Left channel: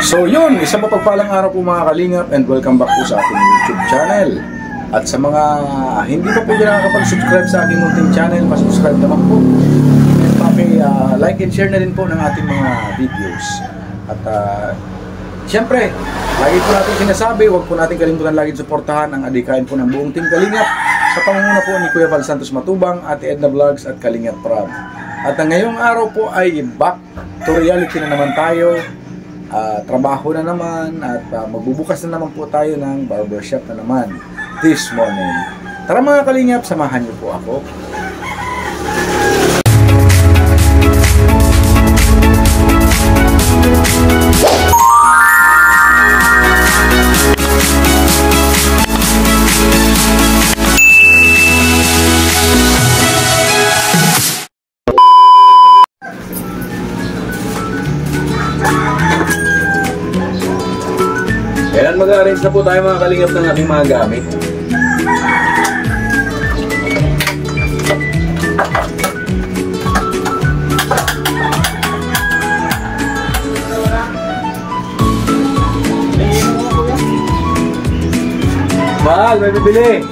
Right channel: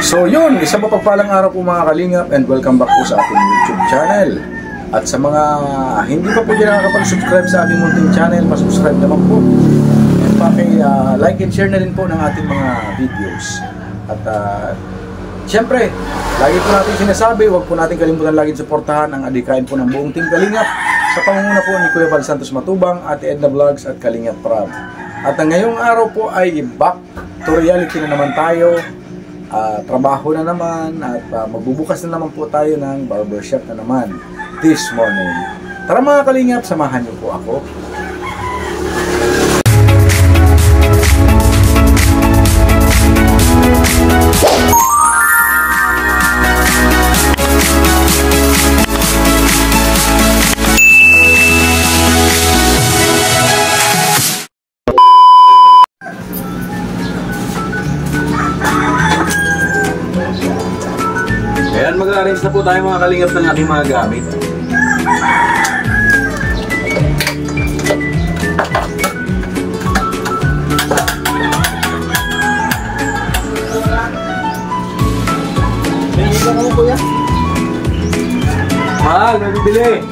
So yun, isang mapagpalang araw po mga kalingap, and welcome back po sa ating YouTube channel. At sa mga hindi pa po dyan nakakapag-subscribe sa aking munting channel, pasubscribe naman po. And like and share na rin po ng ating mga videos. At siyempre, lagi po natin sinasabi, huwag po natin kalimutan lagi suportahan ang adikain po ng buong Team Kalingap sa pangunguna po ni Kuya Val Santos Matubang, Ate Edna Vlogs at Kalingap Prab. At ang ngayong araw po ay back to reality na naman tayo. Trabaho na naman at magbubukas na naman po tayo ng barbershop na naman this morning. Tara mga kalingap, samahan niyo po ako. Ayan, mag-arrange na po tayo mga kalingap ng aking mga gamit. Mahal, may bibili.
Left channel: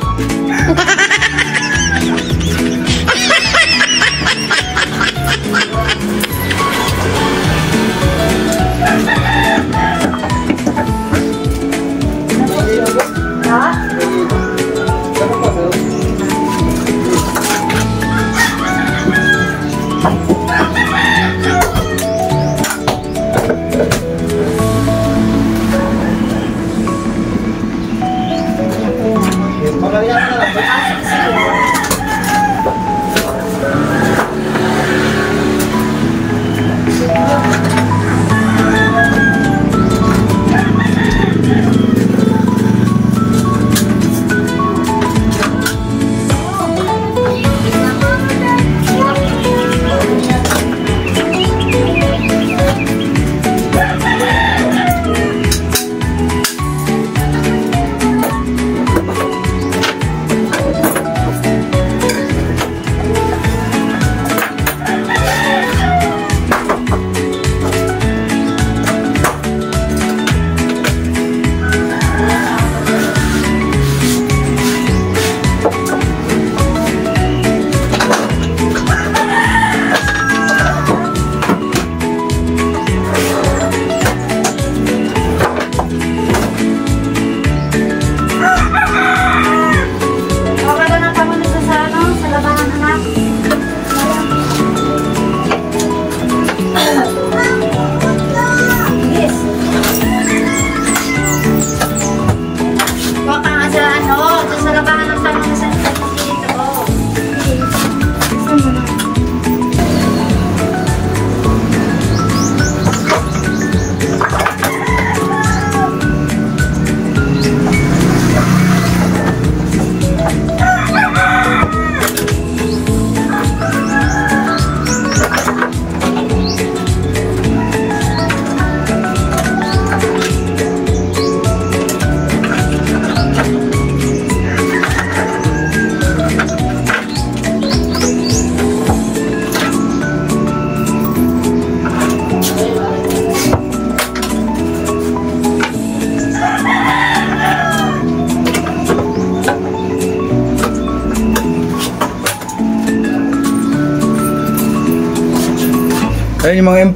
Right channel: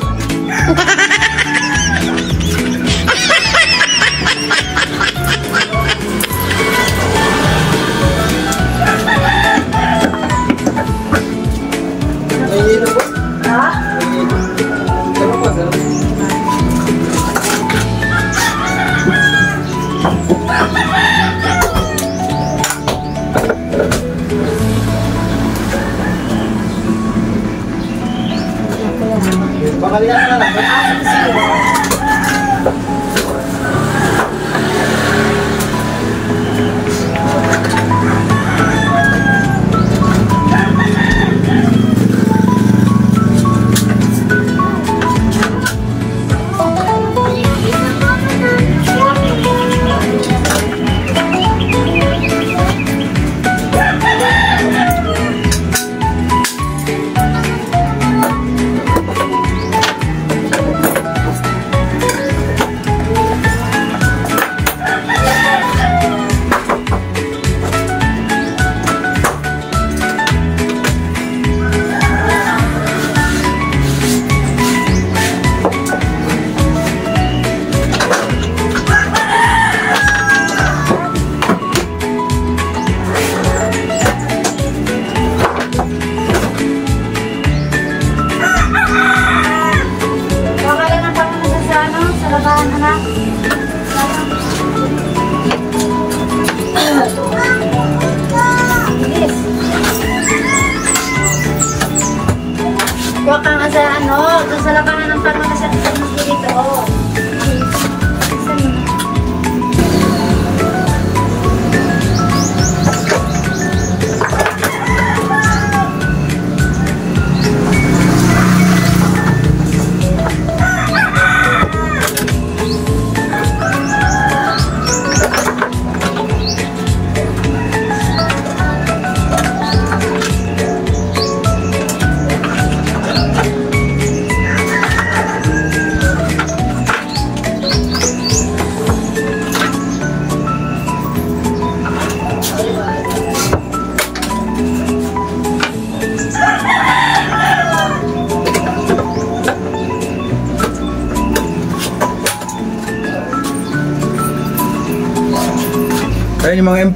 Ayun yung mga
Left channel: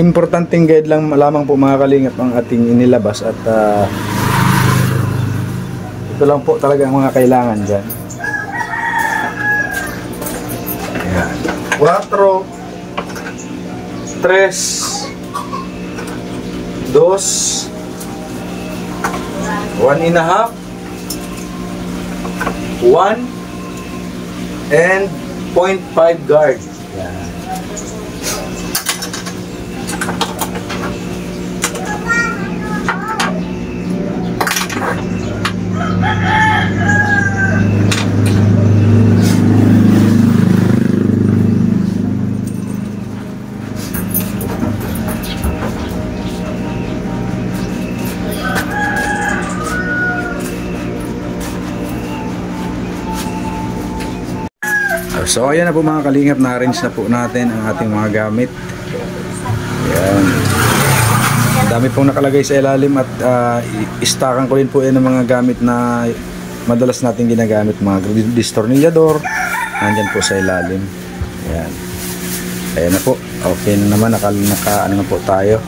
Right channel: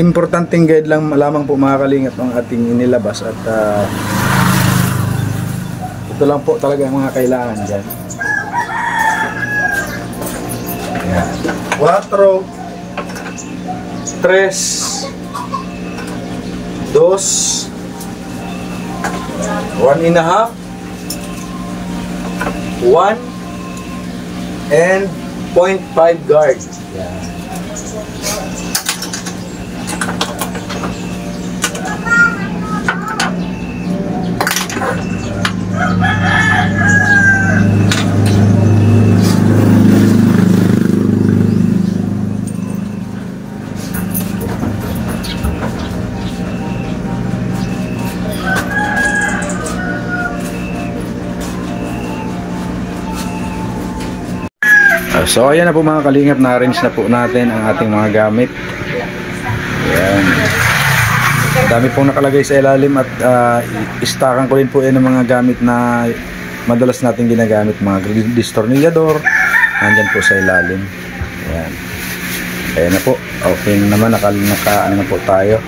importanteng guide lang lamang po mga kalingap ang ating inilabas at ito lang po talaga ang mga kailangan dyan. Ayan. 4 3 2 1 1/2 1 and 0.5 guard. Ayan. So ayan na po mga kalingap, na-arrange na po natin ang ating mga gamit. Ayan. Dami pong nakalagay sa ilalim at istakan ko rin po yan ng mga gamit na madalas natin ginagamit, mga distornillador. Nandyan po sa ilalim. Ayan. Ayan na po. Okay na naman. Ano na po tayo.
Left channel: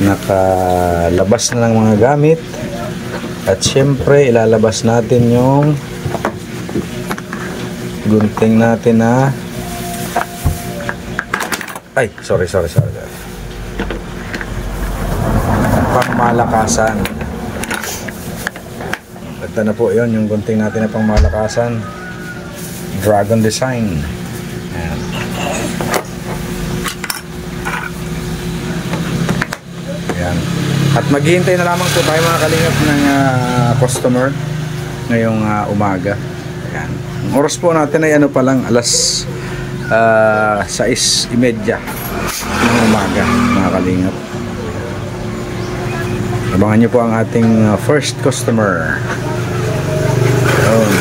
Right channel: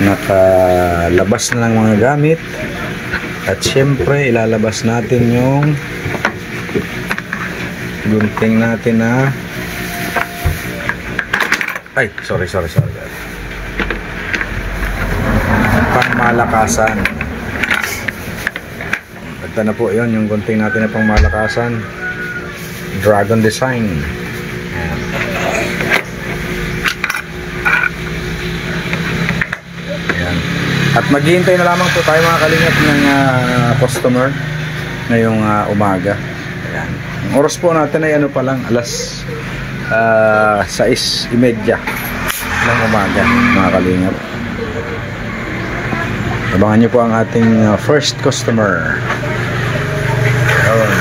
Nakalabas na ng mga gamit. At syempre, ilalabas natin yung gunting natin na sorry. Pangmalakasan. Ito na po yun, yung gunting natin na pangmalakasan. Dragon design. Ayan. At maghihintay na lamang po tayo mga kalingap ng customer ngayong umaga. Ayan. Ang oras po natin ay ano pa lang, alas 6:30 ng umaga mga kalingap. Abangan nyo po ang ating first customer. Ayan.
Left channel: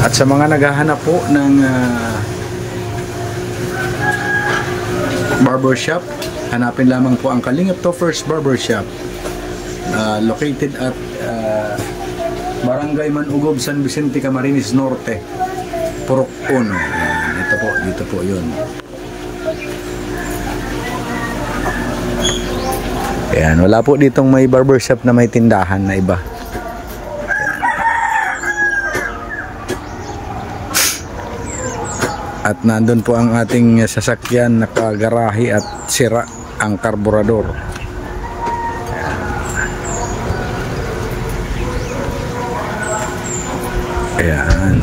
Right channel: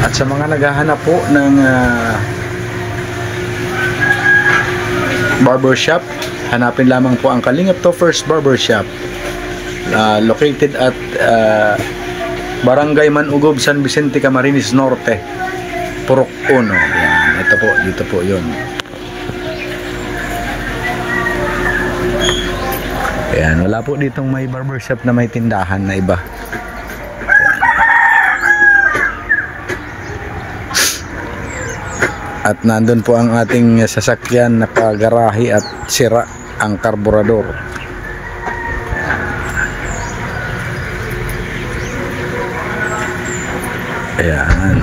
At sa mga naghahanap po ng barbershop, hanapin lamang po ang Kalingap Toffers Barbershop, located at Barangay Manugob, San Vicente, Camarines Norte, Purok 1. Yan, ito po, dito po yun. Ayan, wala po ditong may barbershop na may tindahan na iba. Ayan. At nandun po ang ating sasakyan, nakagarahe at sira ang karburador. Ayan.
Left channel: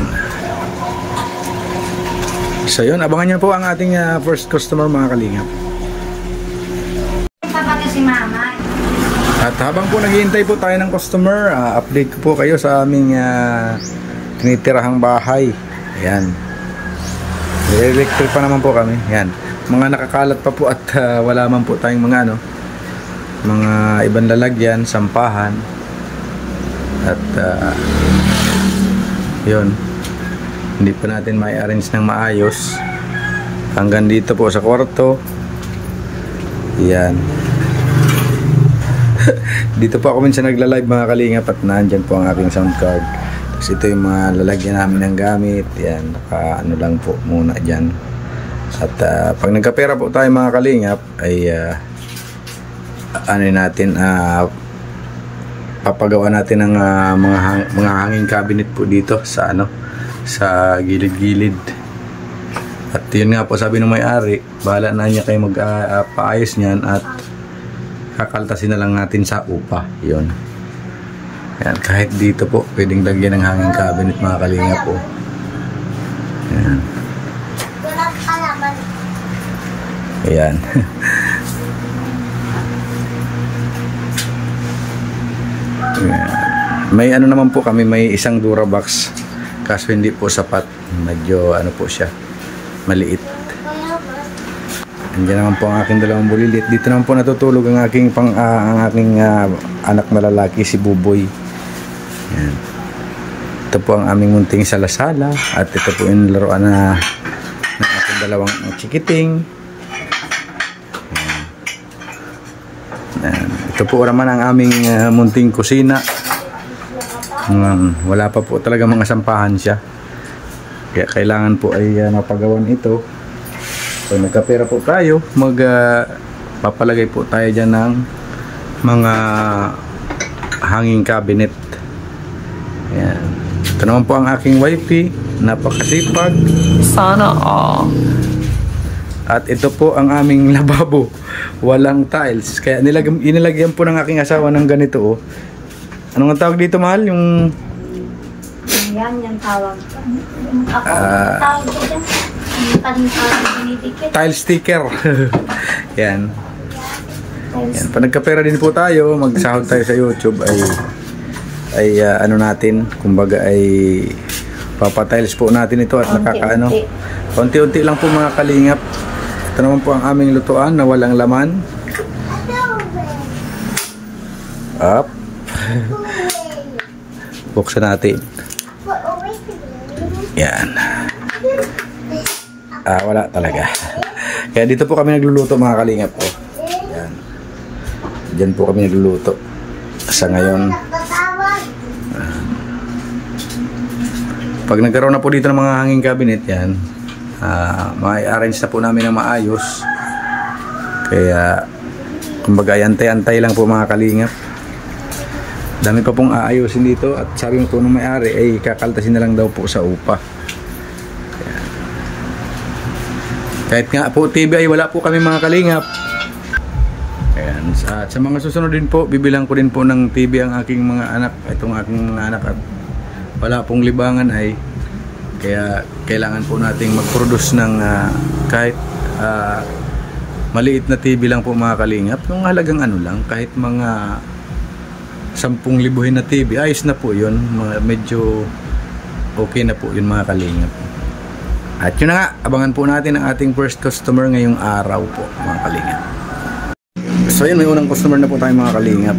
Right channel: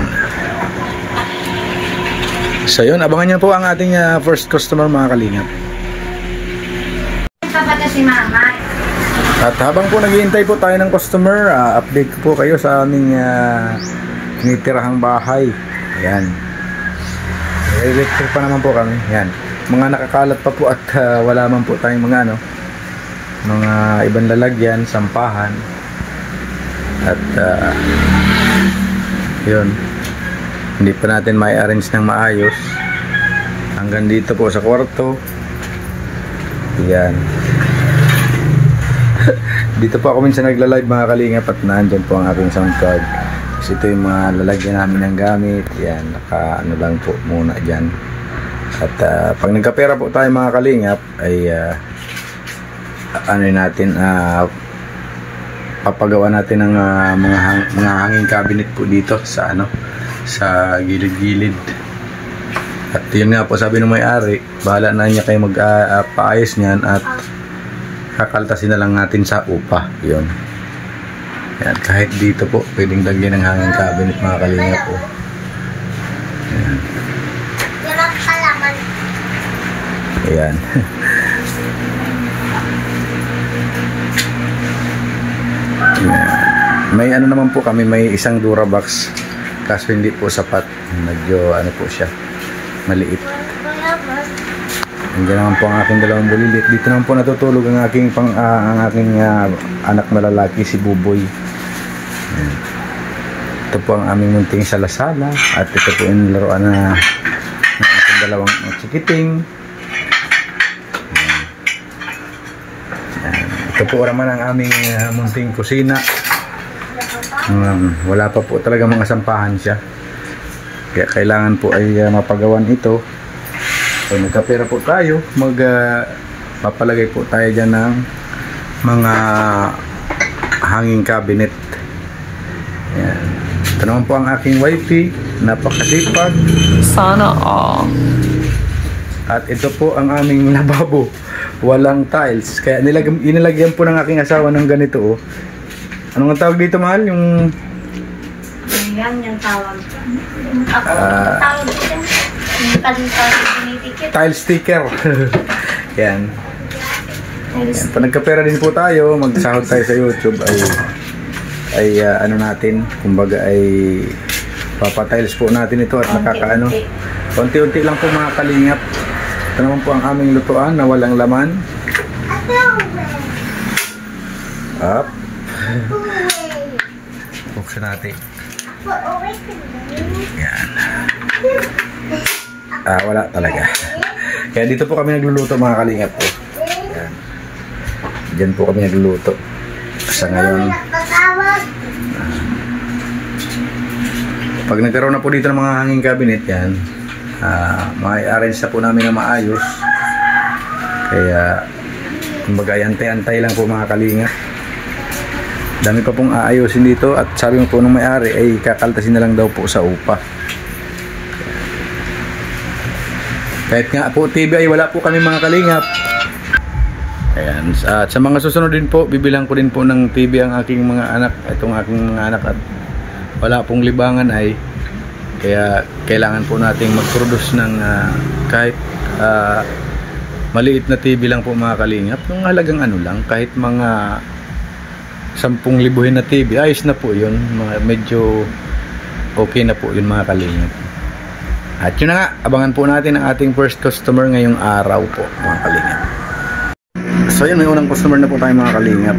So yun, abangan nyo po ang ating first customer mga kalingap. Si Mama. At habang po naghihintay po tayo ng customer, update ko po kayo sa aming tinitirahang bahay. Ayan. Electric pa naman po kami. Ayan. Mga nakakalat pa po at wala man po tayong mga mga ibang lalagyan, sampahan. At yun, hindi pa natin may arrange ng maayos hanggang dito po sa kwarto. Yan. Dito po ako minsan nagla-live mga kalingap at nandyan po ang aking sound card. Tapos ito yung mga lalagyan namin ng gamit. Yan, naka ano lang po muna dyan. At pag nagkapera po tayo mga kalingap ay ano natin, papagawa natin ng mga hanging cabinet po dito sa sa gilid-gilid. At yun nga po, sabi ng may-ari, bahala na niya kayo magpaayos niyan at kakaltasin na lang natin sa upa. Yun. Yan, kahit dito po pwedeng lagyan ng hanging cabinet mga kalingap po. Yan. Ayan. May ano naman po kami, may isang Durabox kaso hindi po sapat, medyo ano po siya, maliit. Andiyan naman po ang aking dalawang bulilit. Dito naman po natutulog ang aking anak na lalaki, si Buboy. Ito po ang aming munting salasala at ito po yung laruan ng aking dalawang chikiting. Ito po naman ang aming munting kusina. Wala pa po talaga mga sampahan siya. Kaya kailangan po ay mapagawan ito. So nagkapera po tayo, papalagay po tayo dyan ng mga hanging cabinet. Ayan. Ito naman po ang aking wifey, napakasipag. Sana all. At ito po ang aming lababo, walang tiles. Kaya inilagyan po ng aking asawa ng ganito. Oh. Anong ang tawag dito, mahal? Yung Yan tawag. Ako, tawag dito. Tile sticker. Yan. Yan. Pag nagkapera din po tayo, magsahod tayo sa YouTube ay ano natin, kumbaga ay papatiles po natin ito at nakakaano. Konti-unti lang po mga kalingap. Ito naman po ang aming lutuan na walang laman. Up. Buksan natin. Yan. Wala talaga. Kaya dito po kami nagluluto mga kalingap po. Yan. Diyan po kami nagluluto. Sa ngayon, pag nagkaroon na po dito ng mga hanging cabinet yan, ma-arrange na po namin ng maayos. Kaya kumbaga antay-antay lang po mga kalingap. Dami pa pong aayusin dito at sabi mo po nung may-ari ay kakaltasin na lang daw po sa upa. Kahit nga po TV ay wala po kami mga kalingap. Ayan. At sa mga susunod din po, bibilang ko din po ng TV ang aking mga anak. Itong aking mga anak at wala pong libangan ay kaya kailangan po nating mag-produce ng kahit maliit na TV lang po mga kalingap. Yung halagang ano lang, kahit mga 10,000 na TV, ayos na po yun. Medyo okay na po yun mga kalingap. At yun na nga, abangan po natin ang ating first customer ngayong araw po mga kalingap. So yun, may unang customer na po tayo mga kalingap.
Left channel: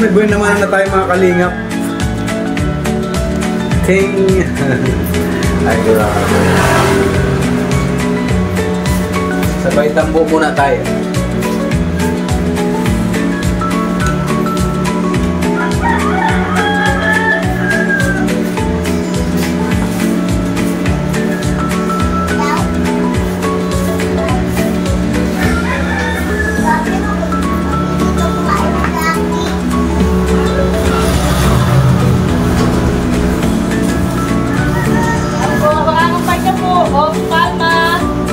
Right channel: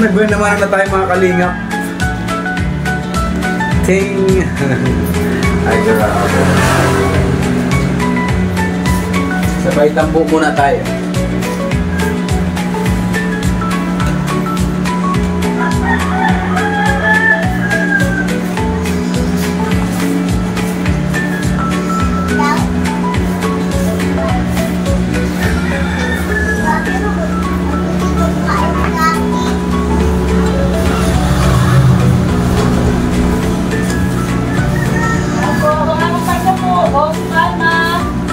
Ayan, may buwan naman na tayo mga kalingap. Ting! Ay, grabe. Sabay tambo muna tayo.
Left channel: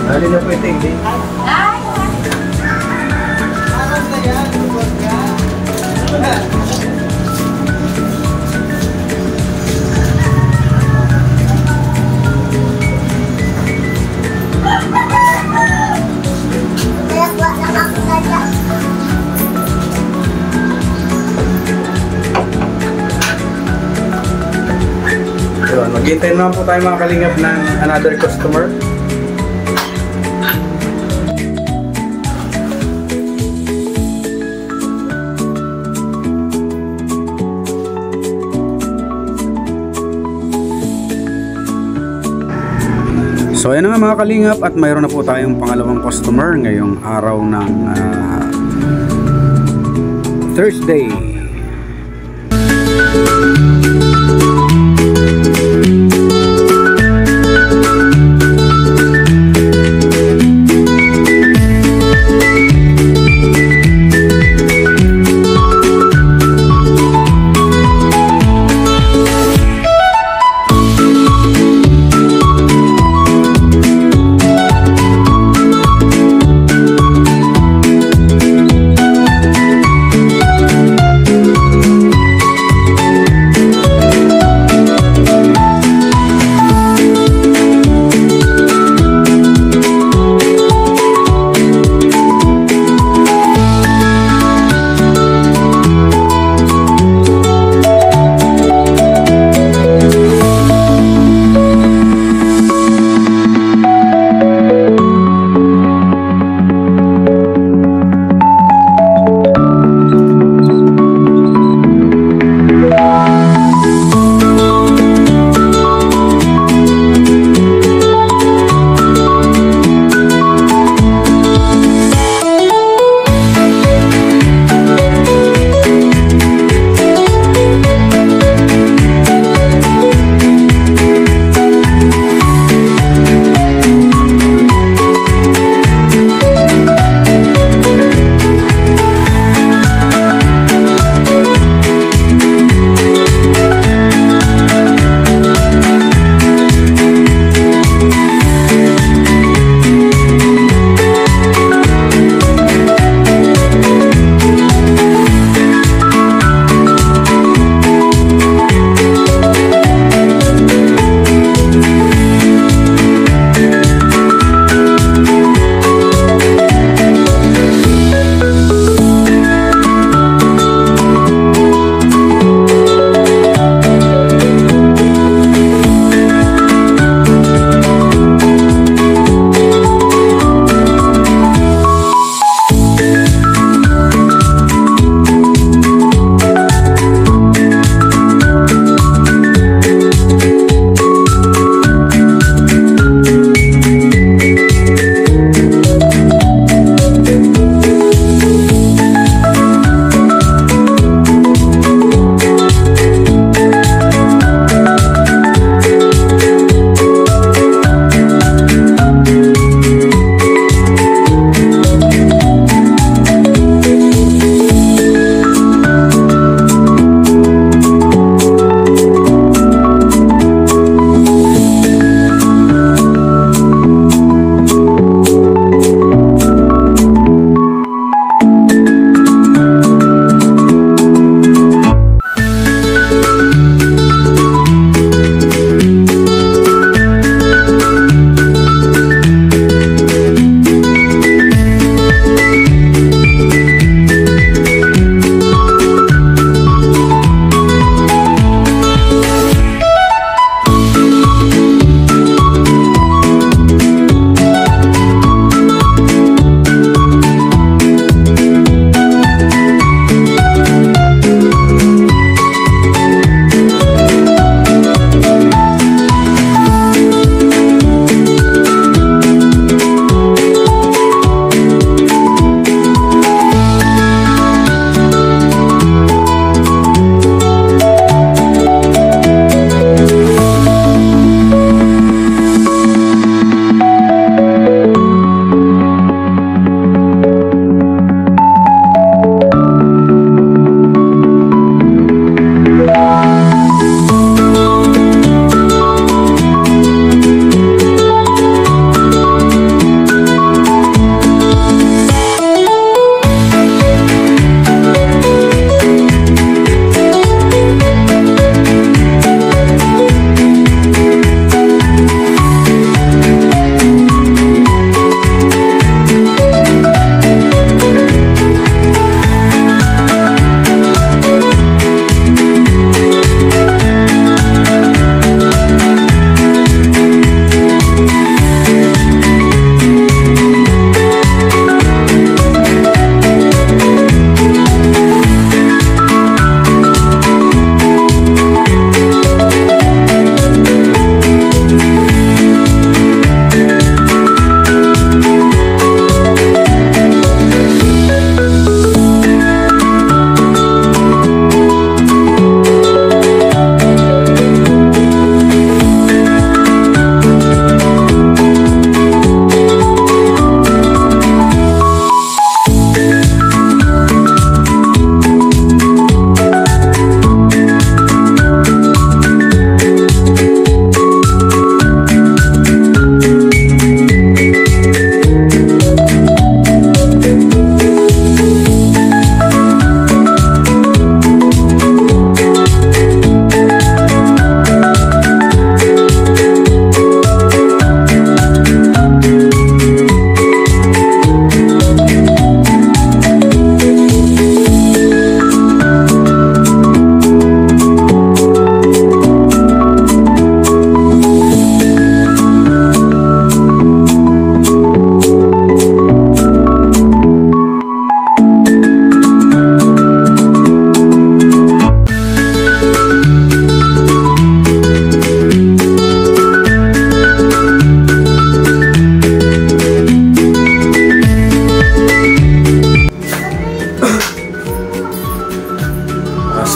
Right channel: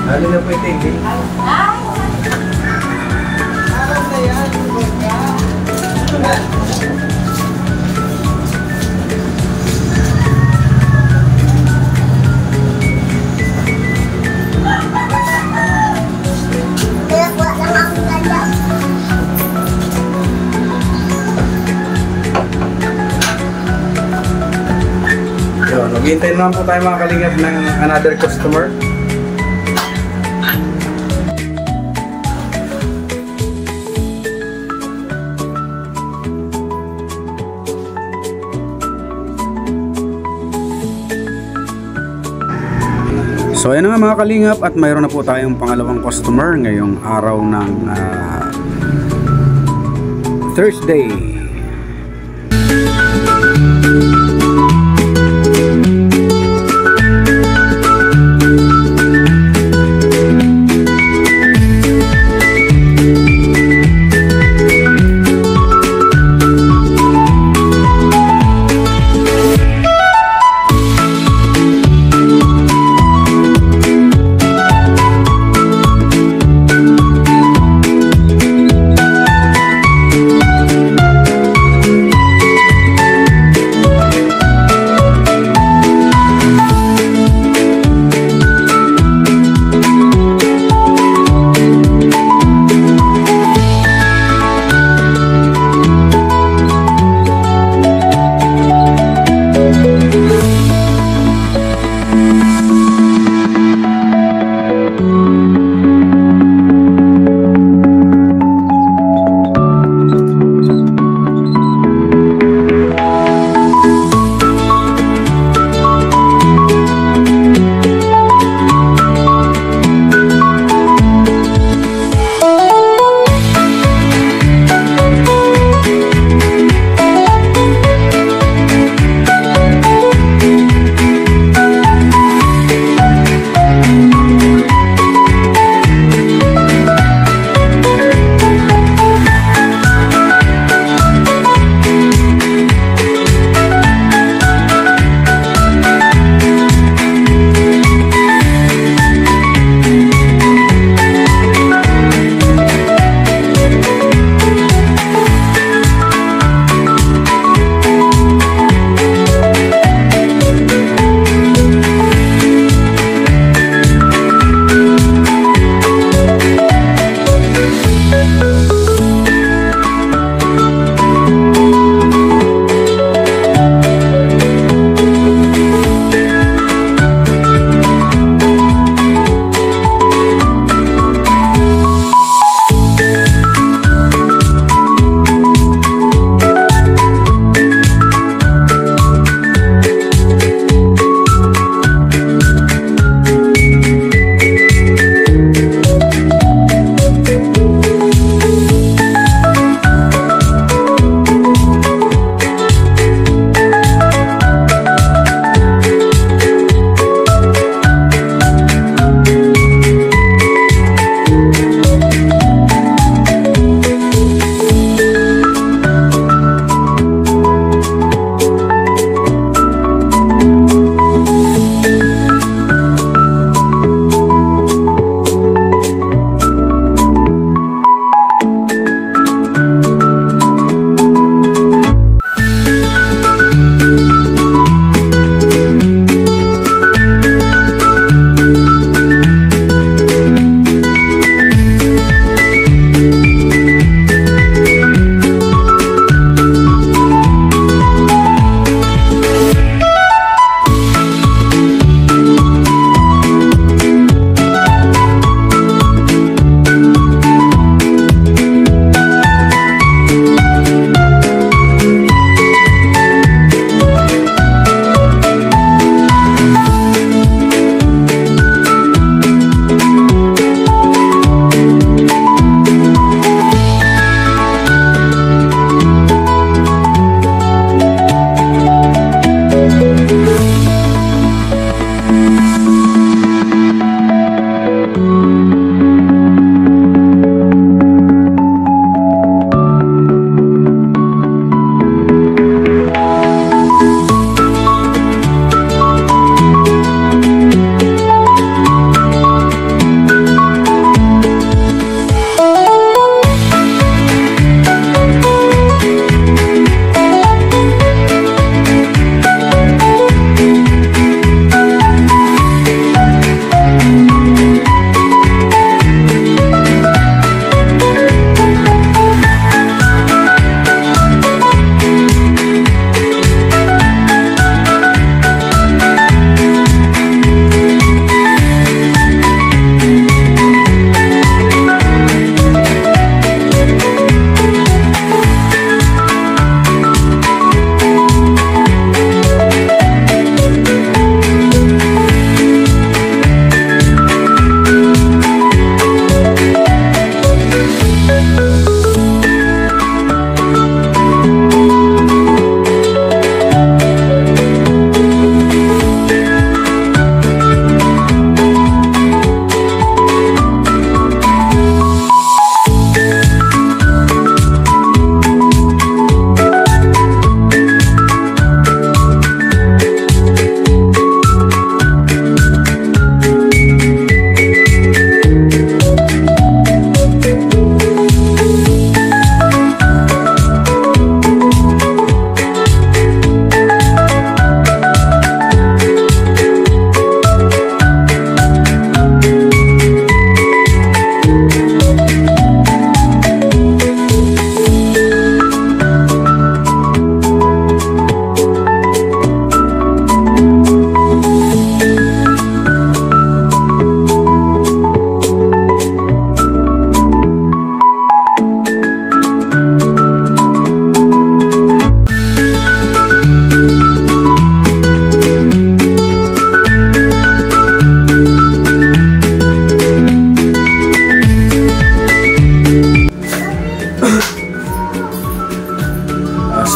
Hali na po ito, hindi. Yun, maghihintay naman po tayo mga kalingap ng another customer. So ayan na nga mga kalingap, at mayroon na po tayong pangalawang customer ngayong araw ng Thursday.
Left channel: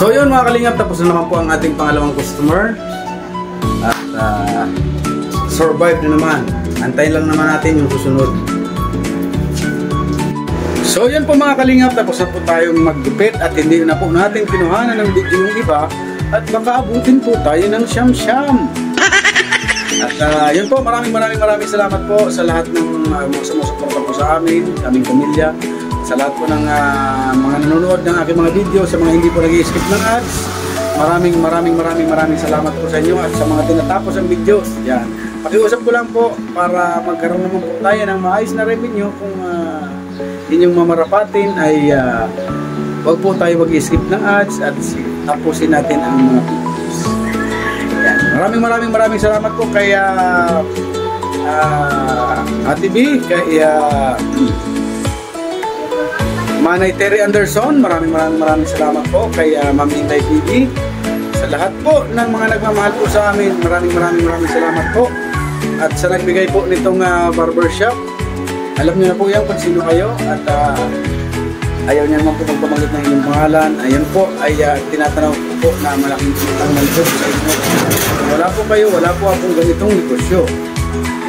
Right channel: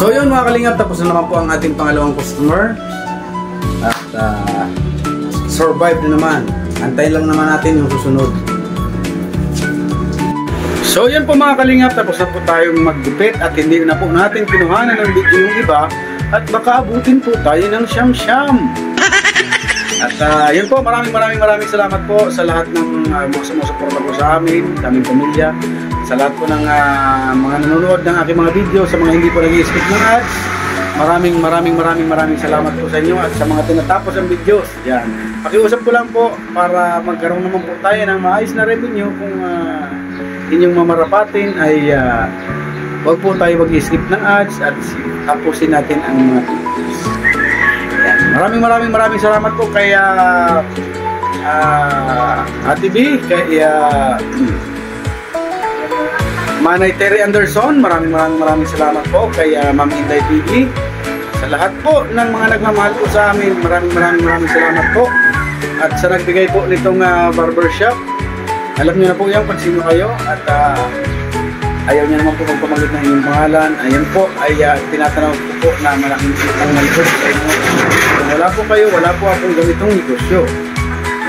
So yun mga kalingap, tapos na naman po ang ating pangalawang customer. At survive na naman. Antayin lang naman natin yung susunod. So yun po mga kalingap, tapos na po tayong maggupit at hindi na po natin kinuhanan ng video yung iba at baka abutin po tayo ng siyam-siyam. At yun po, maraming salamat po sa lahat ng mga sumusuporta po sa amin, sa aming pamilya, sa lahat po ng mga nanonood ng aking mga video, sa mga hindi po nag-i-skip ng ads. Maraming salamat po sa inyo at sa mga tinatapos ang videos. Yan. Pakiusap ko lang po para magkaroon naman po tayo ng maayos na revenue kung inyong mamarapatin ay wag po tayo mag-skip ng ads at tapusin natin ang mga videos. Yan. Maraming salamat po kay Ate B, kay Manay Terry Anderson. Maraming salamat po kay Ma'am Inday TV. Sa lahat po ng mga nagmamahal po sa amin, maraming salamat po. At sa nagbigay po nitong barbershop, alam niyo na po yan kung sino kayo at ayaw niya naman po magpamagit na inyong pangalan. Ayun po ay tinatanaw po na malaking kitang malibos sa inyo. Kung wala po kayo, wala po akong ganitong negosyo.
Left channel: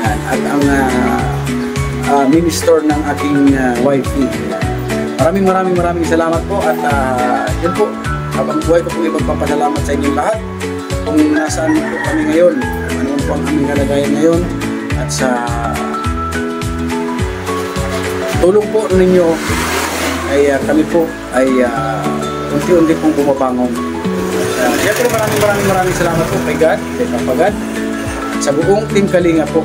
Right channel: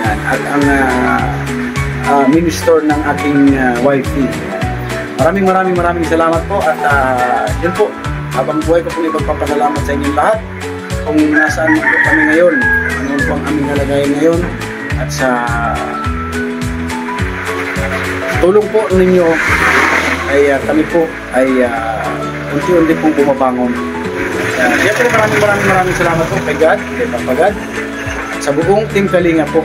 Yan. At ang mini-store ng aking wifey. Maraming salamat po at yun po, habang buhay ko pong ipagpapasalamat sa inyong lahat kung nasaan po kami ngayon, ano po ang aming kalagayan ngayon at sa tulong po ninyo ay kami po ay unti-unti pong bumabangon. Siyempre maraming salamat po kay God, kay Papa God at sa buong Team Kalinga po.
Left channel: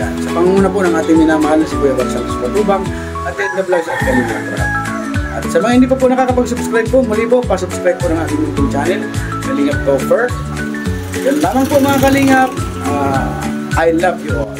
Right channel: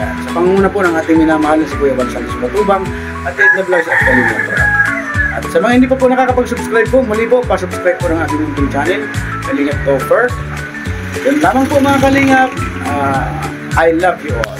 Yan. Sa pangunguna po ng ating minamahal na si Kuya Bansang Batubang at Edna Vlogs at Kalinga Prab. At sa mga hindi pa po nakakapag-subscribe po, muli po, pa-subscribe po ng aking YouTube channel, Kalingap Gopher. Yan lamang po mga Kalingap. I love you all.